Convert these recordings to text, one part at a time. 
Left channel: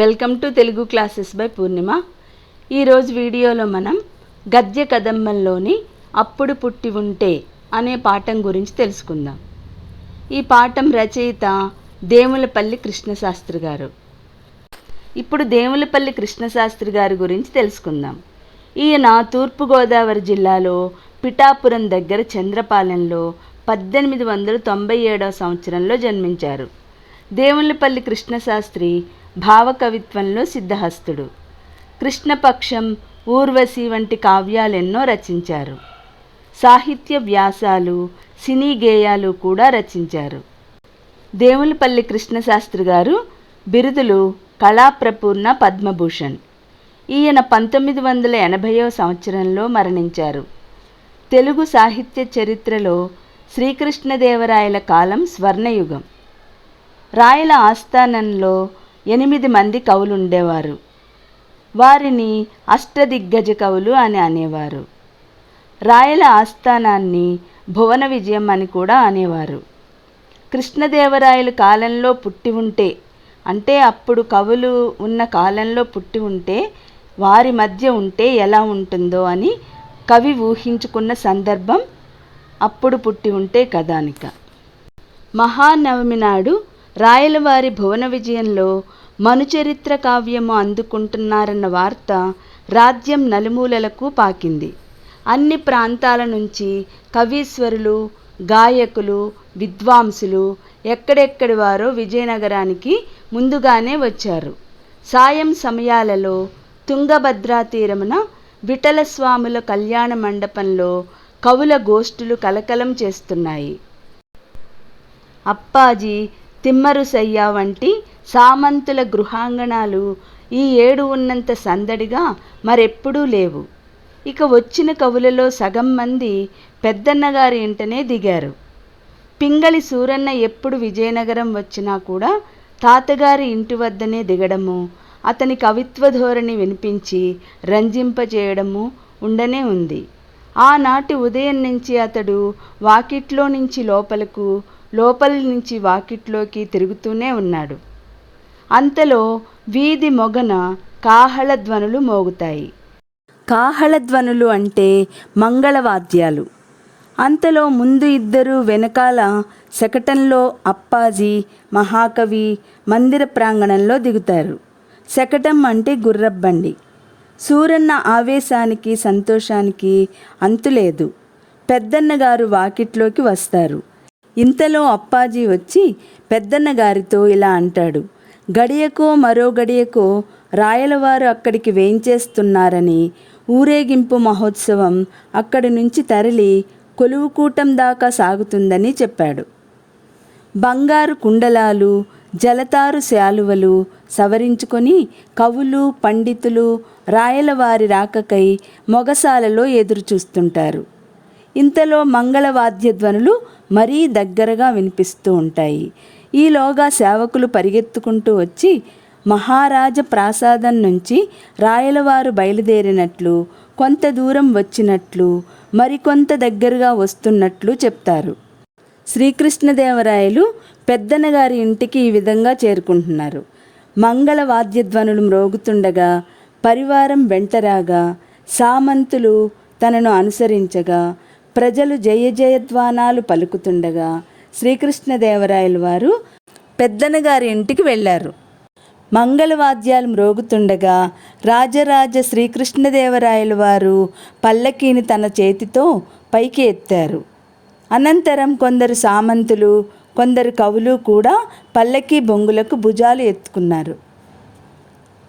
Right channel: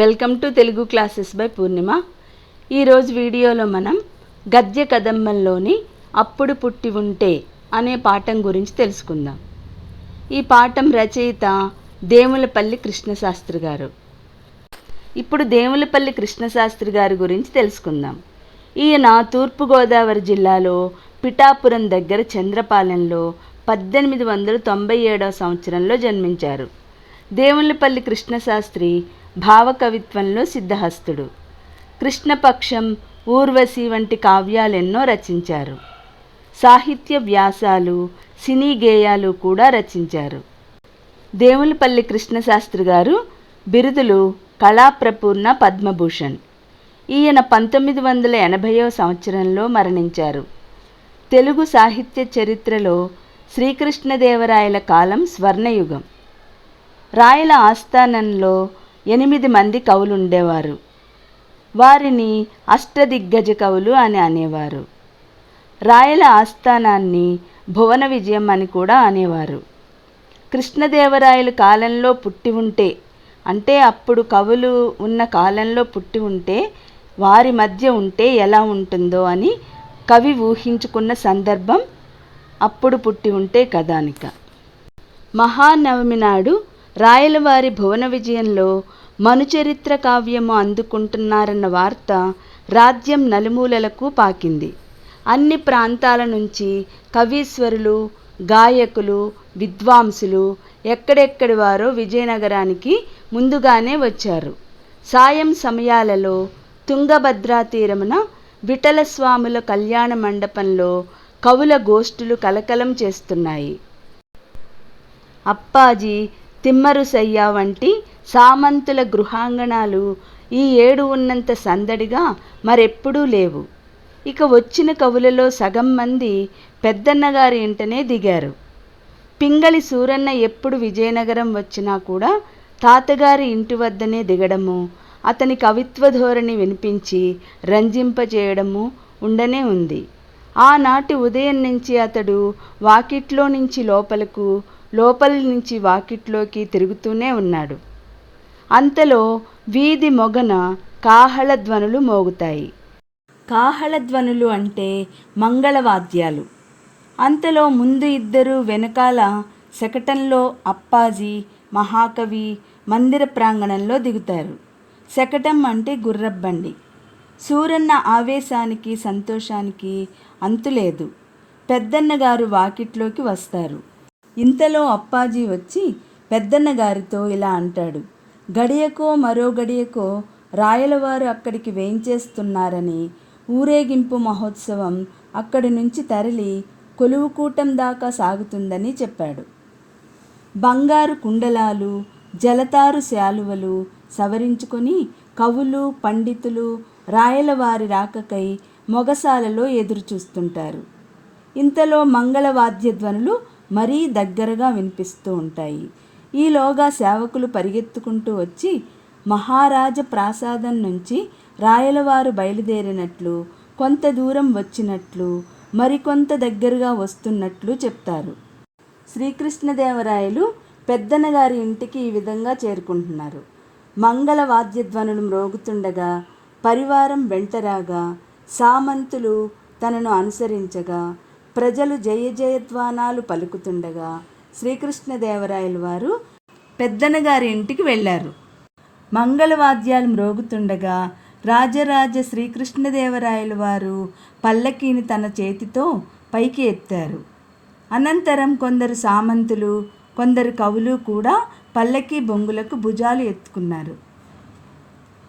Welcome to Telugu classes by Purnima. ఈరోజు వీడియోలో మనం గద్య కదంబంలోని అప్పుడు పుట్టి ఉంటే అనే పాఠం గురించి తెలుసుకుందాం. ఈ పాఠం రచయిత దేవులపల్లి కృష్ణశాస్త్రి గారు. ఇప్పుడు దేవులపల్లి కృష్ణశాస్త్రి గారి గురించి తెలుసుకుందాం. ఈయన తూర్పుగోదావరి జిల్లాలో పిఠాపురం దగ్గర చంద్రపాలెంలో 1897 సంవత్సరంలో జన్మించారు. దేవులపల్లి కృష్ణశాస్త్రి భావకవిత్వంలో సిద్ధహస్తుడు. కృష్ణపక్షం, ఊర్వశి వంటి కావ్యాలెన్నో రచించారు. సాహిత్య వ్యాసాలు, సినీ గేయాలు కూడా రచించారు. దేవులపల్లి కృష్ణశాస్త్రి గారు బిరుదులు కళాప్రపూర్ణ, పద్మభూషణ్. ఈయన 1980 సంవత్సరంలో మరణించారు. తెలుగు సాహిత్య చరిత్రలో శ్రీకృష్ణదేవరాయల కాలం స్వర్ణయుగం. రాయల ఆస్థానంలో 8 మంది కవులుండేవారు. వారిని అష్టదిగ్గజ కవులు అని అనేవారు. రాయల ఆస్థానాన్ని భువన విజయం అని కూడా అనేవారు. కృష్ణదేవరాయల కాలంలో పుట్టి ఉంటే, అంటే అప్పుడు కవులు ఉన్న కాలంలో పుట్టి ఉంటే వారి మధ్య ఉంటే ఎలా ఉంటుందో అని కవి ఊహించుకున్న సందర్భం అప్పుడు పుట్టి ఉంటే కథానిక. మహానవమి నాడు రాయలవారి భువన విజయంలో మనుచరిత్ర కావ్యము అందుకుంటున్నారన్న వార్త రాజ్యం నలుమూలలకు పాకింది. అన్ని ప్రాంతాల నుంచి కవీశ్వరులు, గాయకులు, విద్వాంసులు ఎక్కడెక్కడి వారో విజయనగరానికి ముందుగానే వచ్చారు. సాయం సమయాలలో తుంగభద్రా తీరమున విఠలస్వాముల కళ్యాణ మండపంలో కవుల గోష్ఠులు కలకలం చేస్తున్నాయి. అప్పాజీ, తిమ్మరుసయ్య వంటి సామంతుల గృహాంగణాలు ఈ ఏడు ఉన్నంత సందడిగా మరెప్పుడూ లేవు. ఇక వచ్చిన కవులలో సగం మంది పెద్దన్నగారి ఇంటనే దిగారు. పింగళి సూరన్న ఎప్పుడు విజయనగరం వచ్చినా కూడా తాతగారి ఇంటి వద్దనే దిగడము, అతని కవిత్వ ధోరణి వినిపించి రంజింపజేయడము ఉండనే ఉంది. ఆనాటి ఉదయం నుంచి అతడు వాకిట్లో నుంచి లోపలకు, లోపల నుంచి వాకిట్లోకి తిరుగుతూనే ఉన్నాడు. అంతలో వీధి మొగన కాహళధ్వనులు మోగుతాయి. కాహళధ్వనులు అంటే మంగళవాద్యాలు. అంతలో ముందు ఇద్దరు, వెనకాల శకటంలో అప్పాజీ, మహాకవి మందిర ప్రాంగణంలో దిగుతారు. శకటం అంటే గుర్రబండి. సూరన్న ఆవేశానికి, సంతోషానికి అంతులేదు. పెద్దన్నగారు వాకిట్లోకి వస్తారు. ఇంతలో అప్పాజీ వచ్చి పెద్దన్నగారితో ఇలా అంటాడు: గడియకో మరో గడియకో రాయలవారు అక్కడికి వేంచేస్తున్నారని, ఊరేగింపు మహోత్సవం అక్కడి నుంచి తరలి కొలువుకూటం దాకా సాగుతుందని చెప్పాడు. బంగారు కుండలాలు, జలతారు శాలువలు సవరించుకొని కవులు, పండితులు రాయలవారి రాకకై మొగసాలలో ఎదురు చూస్తుంటారు. ఇంతలో మంగళవాద్యధ్వనులు మరీ దగ్గరగా వినిపిస్తూ ఉంటాయి. ఈలోగా సేవకులు పరిగెత్తుకుంటూ వచ్చి మహారాజ ప్రాసాదం నుంచి రాయలవారు బయలుదేరినట్లు, కొంత దూరం వచ్చినట్లు, మరికొంత దగ్గరగా వస్తున్నట్లు చెప్తారు. శ్రీకృష్ణదేవరాయలు పెద్దన్నగారి ఇంటికి ఈ విధంగా చేరుకుంటున్నారు. మంగళవాద్యధ్వనులు మ్రోగుతుండగా పరివారం వెంటరాగా, సామంతులు తనను అనుసరించగా, ప్రజలు జయ జయధ్వానాలు పలుకుతుండగా శ్రీకృష్ణదేవరాయలు వారు పెద్దన్నగారి ఇంటికి వెళ్ళారు. మంగళవాద్యాలు మ్రోగుతుండగా రాజరాజ శ్రీకృష్ణదేవరాయలు వారు పల్లకీని తన చేతితో పైకి ఎత్తారు. అనంతరం కొందరు సామంతులు, కొందరు కవులు కూడా పల్లకీ బొంగులకు భుజాలు ఎత్తుకున్నారు.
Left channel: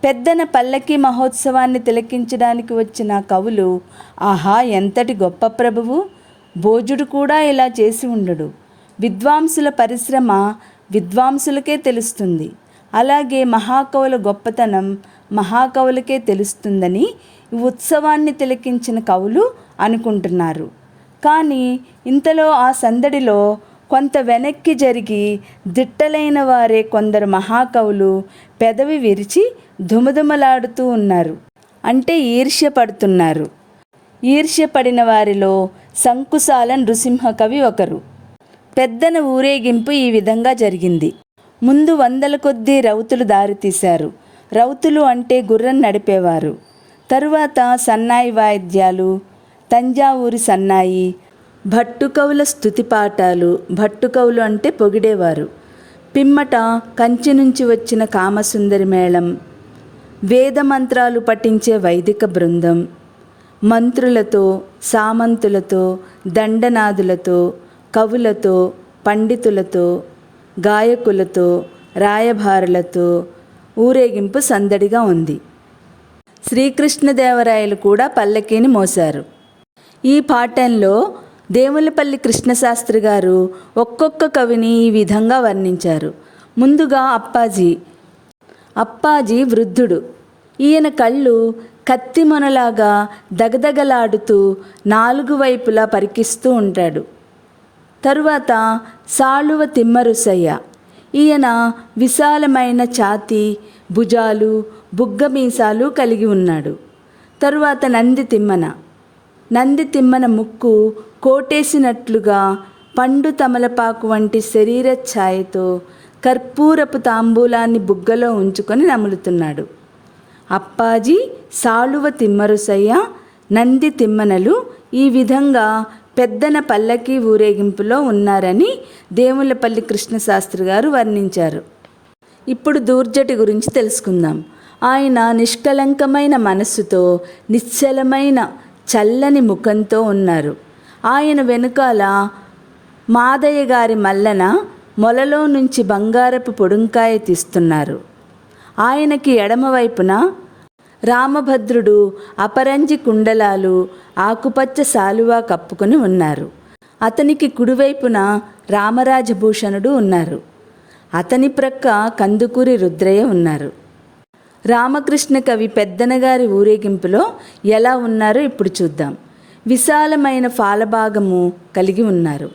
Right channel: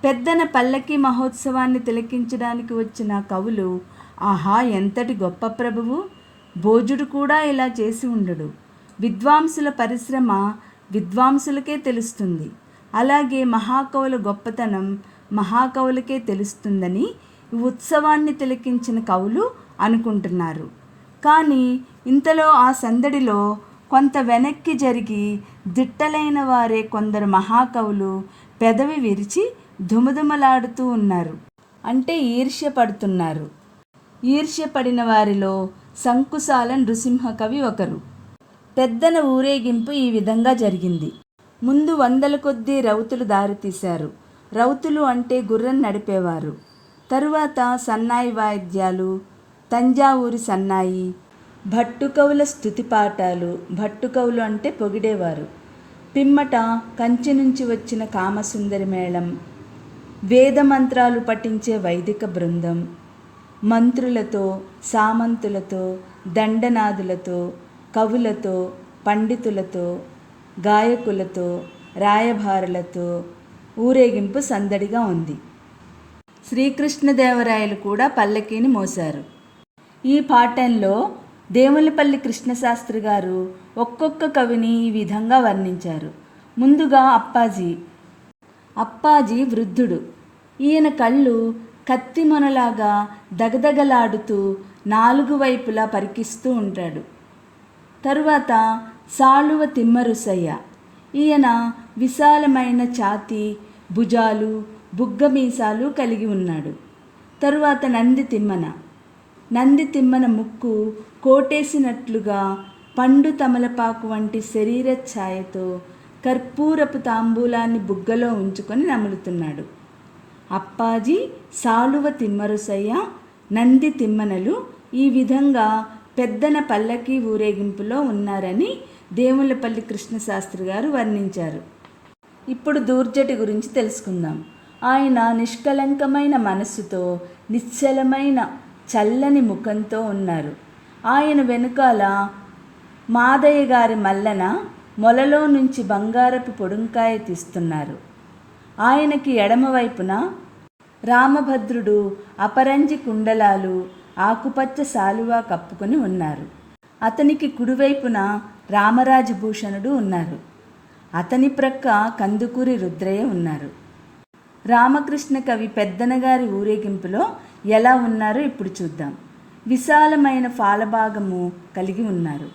పెద్దన పల్లకీ మహోత్సవాన్ని తిలకించడానికి వచ్చిన కవులు, ఆహా ఎంతటి గొప్ప ప్రభువు, భోజుడు కూడా ఇలా చేసి ఉండడు. విద్వాంసుల పరిశ్రమ విద్వాంసులకే తెలుస్తుంది. అలాగే మహాకవుల గొప్పతనం మహాకవులకే తెలుస్తుందని ఈ ఉత్సవాన్ని తిలకించిన కవులు అనుకుంటున్నారు. కానీ ఇంతలో ఆ సందడిలో కొంత వెనక్కి జరిగి దిట్టలైన వారే కొందరు మహాకవులు పెదవి విరిచి దుమదుమలాడుతూ ఉన్నారు. అంటే ఈర్ష్యపడుతున్నారు. ఈర్ష్యపడిన వారిలో సంకుశాల నృసింహ కవి ఒకరు. పెద్దన ఊరేగింపు ఈ విధంగా జరిగింది. ముందు 100 కొద్దీ రౌతులు దారితీశారు. రౌతులు అంటే గుర్రం నడిపేవారు. తరువాత సన్నాయి వాయిద్యాలు, తంజావూరి సన్నాయి, భట్టుకవుల స్తుతి పాఠాలు, భట్టుకవులు అంటే పొగిడేవారు. పిమ్మట కంచి నుంచి వచ్చిన కామసుందరి మేళం, వేదమంత్రాలు పఠించే వైదిక బృందం, మంత్రులతో, సామంతులతో, దండనాదులతో, కవులతో, పండితులతో, గాయకులతో, రాయభారులతో ఊరేగింపు సందడిగా ఉంది. శ్రీకృష్ణదేవరాయలు కూడా పల్లకీని మోశారు. ఈ పాఠంలో దేవులపల్లి కృష్ణశాస్త్రి గారు ఒక్కొక్క కవిని ఈ విధంగా వర్ణించారు. ముందుగా అప్పాజీ వృద్ధుడు. ఈయన కళ్ళు కత్తి మొనలాగా దగదగలాడుతూ 4 వైపులా పరికిస్తూ ఉంటాడు. తరువాత సాళువ తిమ్మరుసయ్య. ఈయన విశాలమైన ఛాతీ, భుజాలు, బుగ్గమీసాలు కలిగి ఉన్నాడు. తరువాత నంది తిమ్మన ముక్కు కోటేసినట్లుగా పండు తమలపాకు వంటి శరీర ఛాయతో కర్పూరపు తాంబూలాన్ని బుగ్గలో ఉంచుకొని నములుతున్నాడు. అప్పాజీ, సాళువ తిమ్మరుసయ్య, నంది తిమ్మనలు ఈ విధంగా పెద్దన పల్లకీ ఊరేగింపులో ఉన్నారని దేవులపల్లి కృష్ణశాస్త్రి గారు వర్ణించారు. ఇప్పుడు దూర్జటి గురించి తెలుసుకుందాం. ఆయన నిష్కలంకమైన మనస్సుతో, నిశ్చలమైన చల్లని ముఖంతో ఉన్నారు. ఆయన వెనుకాల మాదయ్య గారి మల్లన మొలలో నుంచి బంగారపు పొడుంకాయ తీస్తున్నారు. ఆయనకి ఎడమవైపున రామభద్రుడు అపరంజి కుండలాలు, ఆకుపచ్చ శాలువా కప్పుకొని ఉన్నారు. అతనికి కుడివైపున రామరాజభూషణుడు ఉన్నారు. అతని ప్రక్క కందుకూరి రుద్రయ్య ఉన్నారు. రామకృష్ణ కవి పెద్దనగారి ఊరేగింపులో ఎలా ఉన్నారో ఇప్పుడు చూద్దాం. విశాలమైన ఫాలభాగము కలిగి ఉన్నారు.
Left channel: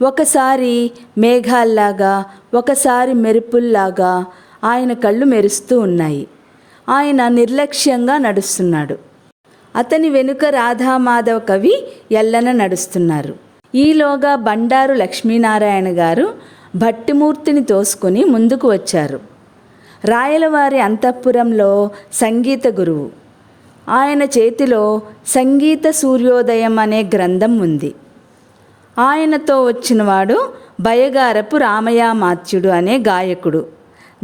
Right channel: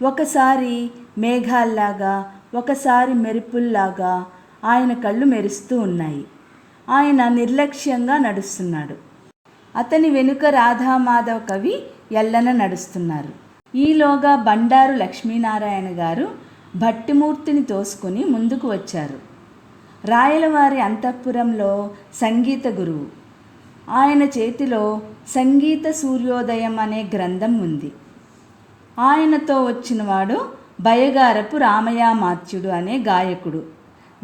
ఒకసారి మేఘాల్లాగా, ఒకసారి మెరుపుల్లాగా ఆయన కళ్ళు మెరుస్తూ ఉన్నాయి. ఆయన నిర్లక్ష్యంగా నడుస్తున్నాడు. అతని వెనుక రాధామాధవ కవి ఎల్లన నడుస్తున్నారు. ఈలోగా బండారు లక్ష్మీనారాయణ గారు భట్టిమూర్తిని తోసుకొని ముందుకు వచ్చారు. రాయలవారి అంతఃపురంలో సంగీత గురువు. ఆయన చేతిలో సంగీత సూర్యోదయం అనే గ్రంథం ఉంది. ఆయనతో వచ్చినవాడు బయగారపు రామయామాత్యుడు అనే గాయకుడు,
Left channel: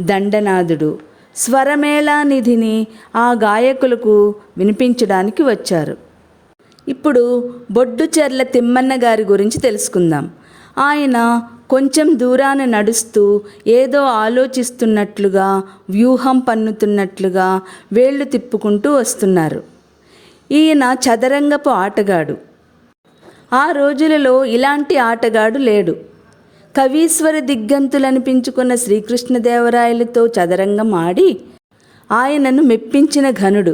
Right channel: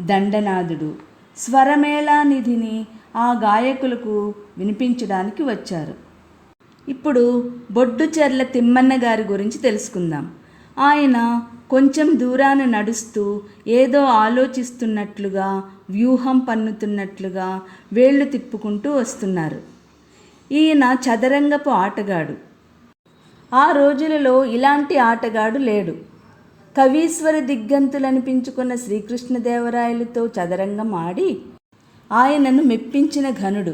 దండనాథుడు. స్వరమేళానిధిని ఆ గాయకులకు వినిపించడానికి వచ్చారు. ఇప్పుడు బొడ్డుచెర్ల తిమ్మన్న గారి గురించి తెలుసుకుందాం. ఆయన కొంచెం దూరాన నడుస్తూ ఏదో ఆలోచిస్తున్నట్లుగా, వ్యూహం పన్నుతున్నట్లుగా వేళ్ళు తిప్పుకుంటూ వస్తున్నారు. ఈయన చదరంగపు ఆటగాడు. ఆ రోజులలో ఇలాంటి ఆటగాడు లేడు. కవీశ్వర దిగ్గంతులనిపించుకున్న శ్రీకృష్ణదేవరాయలతో చదరంగం ఆడి ఆయనను మెప్పించిన ఘనుడు.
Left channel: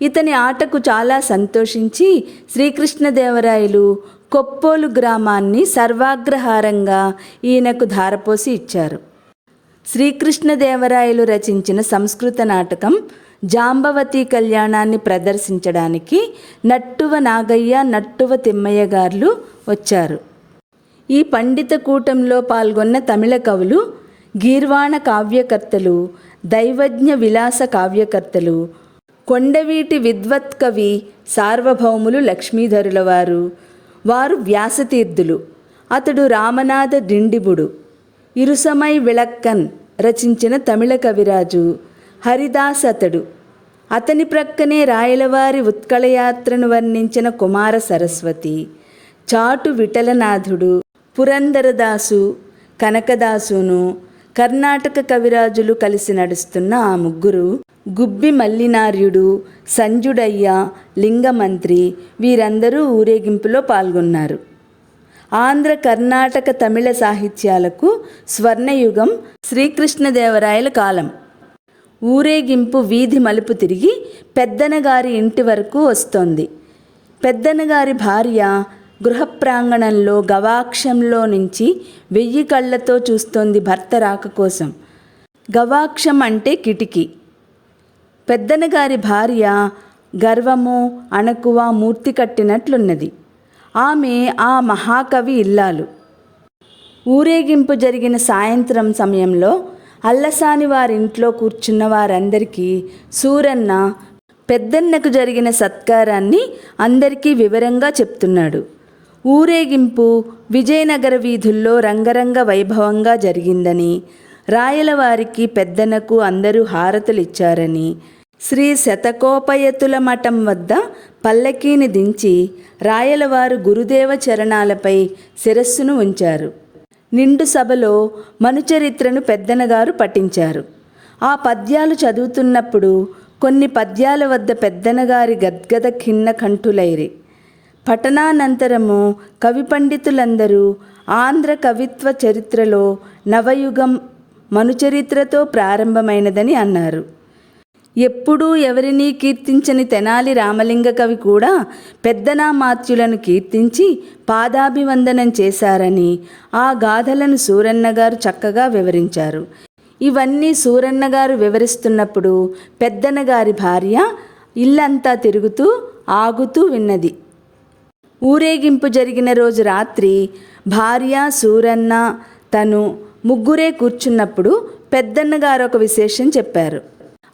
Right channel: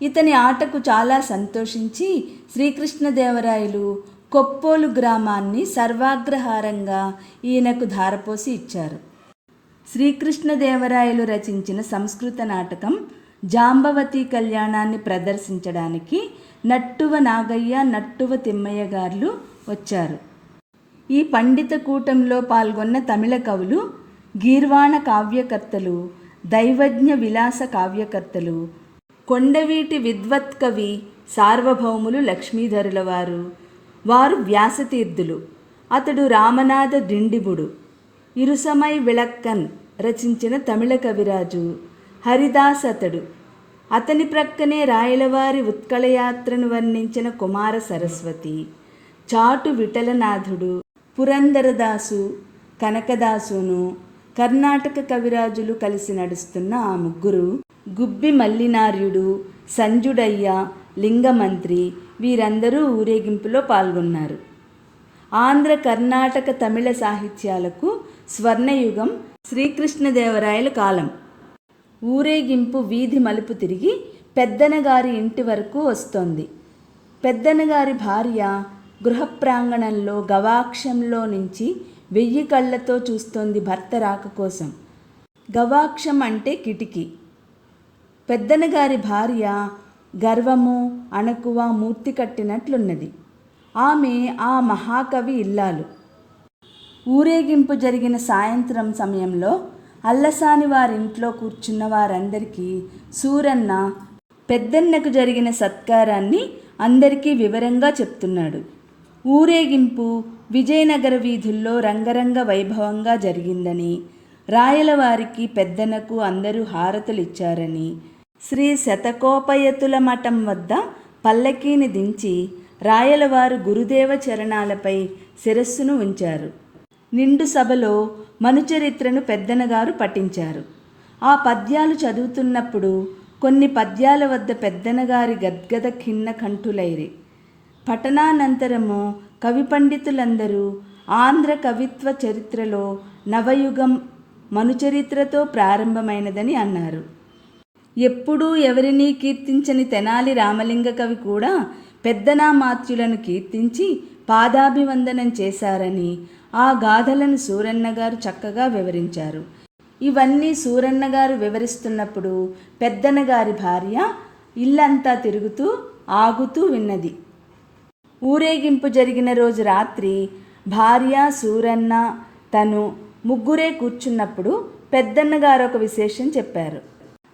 ఇతని ఆటకు చాలా సంతోషించి శ్రీకృష్ణదేవరాయలు కొప్పోలు గ్రామాన్ని సర్వాగ్రహారంగా ఈయనకు ధారపోసి ఇచ్చారు. శ్రీకృష్ణదేవరాయలు రచించిన సంస్కృత నాటకం జాంబవతి కళ్యాణాన్ని ప్రదర్శించడానికి నట్టువ నాగయ్య, నట్టువ తిమ్మయ్య గారు వచ్చారు. ఈ పండిత కూటంలో పాల్గొన్న తమిళ కవులు గీర్వాణ కావ్యకర్తలు, దైవజ్ఞ విలాస కావ్యకర్తలు, కొండవీటి విద్వత్ కవి సార్వభౌములు లక్ష్మీధరుల వారు వ్యాసతీర్థులు. అతడు రామనాథ డిండిబుడు. ఇరుసమై విళక్కన్ రచించిన తమిళ కవిరాజు హరిదాస్ అతడు. అతని ప్రక్కనే రాయలవారి ఉత్కళయాత్రను వర్ణించిన కుమార సరస్వతి, చాటు విఠలనాథుడు, పురందరదాసు, కనకదాసును, కర్ణాటక కవిరాజులు కలిసి నడుస్తున్న ఆ ముగ్గురు గుబ్బి మల్లినార్యుడు, సంజుడయ్య, లింగమంత్రి వీరందరూ ఊరేగింపులో పాల్గొన్నారు. ఆంధ్ర, కర్ణాటక, తమిళ సాహిత్యాలకు స్వర్ణయుగం శ్రీకృష్ణదేవరాయల కాలం. ఊరేగింపు వీధి మలుపు తిరిగి పెద్దనగారి ఇంటి వరకు వస్తోంది. పెద్దనగారి భార్య గృహ ప్రాంగణంలో గవాక్షంలో నుంచి 1000 కళ్ళతో చూస్తోంది భర్త రాక కోసం. గవాక్షం అంటే కిటికీ. పెద్దనగారి భార్య గర్వము, అణకువ మూర్తి కట్టినట్లున్నది. ఆమె ఆ మహాకవి ఇల్లాలు. ఊరేగింపు జరిగిన సాయంత్రం సమయంలో అల్లసాని వారింట్లో కూర్చున్న వారందరికీ సూరన్న పెద్దన్నకు జరిగిన సత్కారాన్ని అందరికీ వివరంగా చెప్తున్నాడు. ఊరేగింపు విజయనగర వీధుల్లో రంగరంగ వైభవంగా జరిగిందని, రాయలవారికి పెద్దనకు అందరూ హారతులిచ్చారని, శ్రీ శతకోపయతుల మఠం వద్ద పల్లకీని దించి రాయలవారు గురుదేవ చరణాలపై శిరస్సును ఉంచారు. నిండు సభలో మనుచరిత్రను పెద్దనగారు పఠించారు. ఆ పద్యాలు చదువుతున్నప్పుడు కొన్ని పద్యాల వద్ద పెద్దనగారి గద్గద ఖిన్న కంఠులైరి. పఠనానంతరము కవి పండితులందరూ ఆంధ్ర కవిత్వ చరిత్రలో నవయుగం మనుచరిత్రతో ప్రారంభమైనదని అన్నారు. ఎప్పుడూ ఎవరినీ కీర్తించని తెనాలి రామలింగ కవి కూడా పెద్దనామాత్యులను కీర్తించి పాదాభివందనం చేశారని ఆ గాథలను సూరన్న గారు చక్కగా వివరించారు. ఇవన్నీ సూరన్న గారు వివరిస్తున్నప్పుడు పెద్దనగారి భార్య ఇల్లంతా తిరుగుతూ ఆగుతూ విన్నది. ఊరేగింపు జరిగిన రోజు రాత్రి భార్య, సూరన్న, తను ముగ్గురే కూర్చున్నప్పుడు పెద్దన్నగారు ఒక విశేషం చెప్పారు.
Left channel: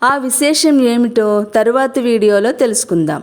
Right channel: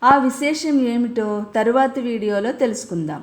ఆ విశేషం ఏమిటో తరువాతి వీడియోలో తెలుసుకుందాం.